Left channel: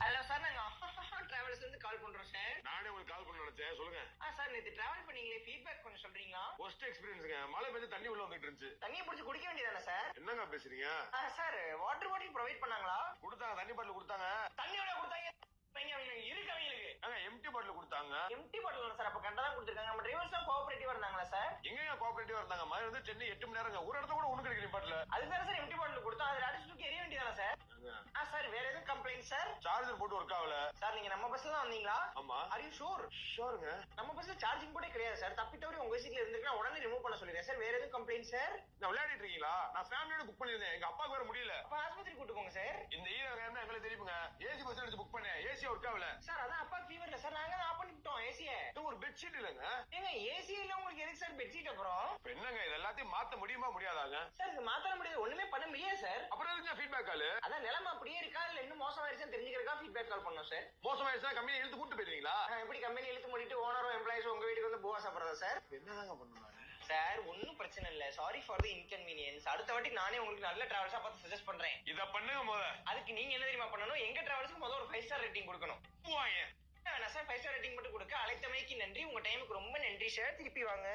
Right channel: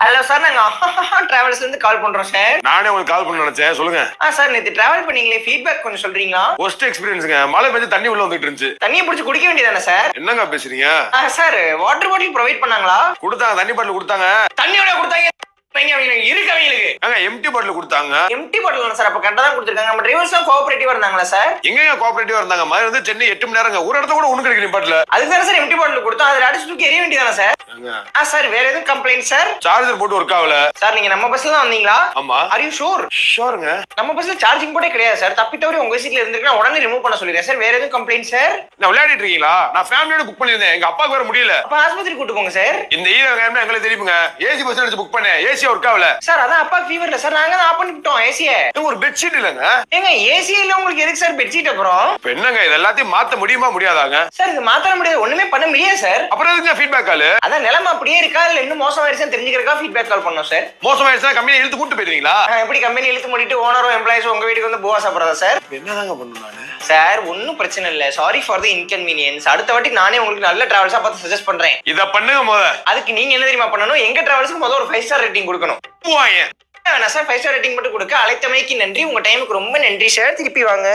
Hello sir, நாங்க டிராவல்ஸ்ல இருந்து கால் பண்றோம் சார். நானே உங்களுக்கு கால் பண்ண நினைச்சேன். சொல்லுங்க. சார், நேத்து டிராவல் பண்ணீங்களே, ஃபீட்பேக் கொஞ்சம் சொல்றீங்களா? ஒஸ்ட் எக்ஸ்பீரியன்ஸ்ங்க. மழை பெஞ்சு தண்ணி உள்ள வந்துட்டு இருந்துச்சு. தண்ணியை பிடிச்சி குடிக்க வேண்டியதானே சார்? என்னங்க பேசுறீங்க? சார், வாட்டர் பாட்டில் ப்ரொவைட் பண்ணாங்களா? கொடுத்தாங்க, தண்ணி பாட்டில் கொடுத்தாங்க. தண்ணியோட கொடுத்தாங்க இருக்கு அவங்களுக்கு. எம்டி பாட்டில் கொடுத்தாங்க. எம்டி பாட்டில் சார், அப்ப கரெக்டா தான் கொடுத்துருக்காங்க. நம்ம டிரைவர்ஸ் எல்லாம் கோஆபரேட்டிவா இருந்தாங்களா சார்? எங்கங்க கோஆபரேட்டிவா இருந்தாங்க? மாதிரி வந்து சென்னை 8 மணி நேரங்க. ஒரு இடத்த கூட ஒண்ணு கிடைக்கல பாட்டில். அதுக்கு தானே சார் எம்டி பாட்டில் கொடுத்தோம். அதுல அடிச்சு தூக்கி எரிய வேண்டியதானே சார்? சார், வேற எதுவும் கம்ப்ளைண்ட் சார்? சார்ஜர் போட்டு ஒர்க் ஆகல சார். நீங்க நம்ம பஸ்ல தான் வந்தீங்களா? ஆமா. Are you sure? ஷூருங்க. நம்ம பஸ்ல சார்ஜிங் போர்டே கிடையாது சார். தப்பி தவிர உங்க சீட்ல இருந்திருக்கா உடனே ரிமூவ் பண்ண சொல்லிடுறேன் சார். வேற எதுவும் கம்ப்ளைண்ட் சார்? நான் விளையாடிட்டு இருக்கீங்களா? நான் ஃபேமிலியோட புக் பண்ணிருந்தேன். எங்க அப்பாக்கு வர முடியல. அப்ப ஆஸ்பத்திரி கூட்டு போங்க சார். இந்த ஈரங்க எங்களுக்கு தெரியுங்க. ஏசி பஸ் எடுத்து புக் பண்ணேன். ஏசி ஒர்க் ஆகல சார். அதான் அப்பா ஃபீவர் இல்ல சார், நாங்க தான் ஆஃப் பண்ணிட்டோம் ஏசியை. ஒரு பெட்ஷீட் இல்லங்க. ஏங்க, ஏசி இல்ல உங்களுக்கு எதுக்கு சார் பெட்ஷீட்? அப்புறம் இப்ப என்னங்க இது எல்லாத்தையும் மாத்த முடியுமா முடியாதாங்க? சார், இது மாத்த முடியாது, ஒண்ணுமே பண்ண முடியாது சார். அப்புறம் எதுக்கு ஃபீட்பேக் கால்? அதான் நிலைமை அப்படியே இருக்கா இல்ல இன்னும் மோசமாயிருச்சுன்னு தெரிஞ்சுக்கிறதுக்கா ஃபீட்பேக் கால் பண்ணோம் சார். மோசமாயிருச்சா கம்பெனி இழுத்து கூட்டு போயிருவீங்களா? எப்படி கம்பெனி இழுத்து மூடிட்டு ஓனரும் எம்ப்ளாயிஸும் உங்க வீட்டுக்கு வந்து போவா சாப்பிடுறதா சார்? என்னதாங்க பண்ணுவாங்க சார்? ஒன்னும் பிரச்சனை இல்ல. Sorry for the inconvenience. அடுத்த வாட்டி நானே உங்களுக்கு நல்ல டிராவல்ஸா பார்த்து சஜஸ்ட் பண்றேன். இத பண்ணுங்க முத. அதுக்கு நீங்க என்ன தெரியுமா பண்ணணும்? எங்க டிராவல்ஸ்க்கு முதல்ல ஒரு 5 ஸ்டார் ரேட்டிங் கொடுக்கணும். போவாங்க. சார் 5 ஸ்டார் ரேட்டிங் மட்டும் கொடுக்க அழைத்தமைக்கு நன்றி. உங்க டைமுக்கு ரொம்ப நன்றி சார். திருப்பி வாங்க.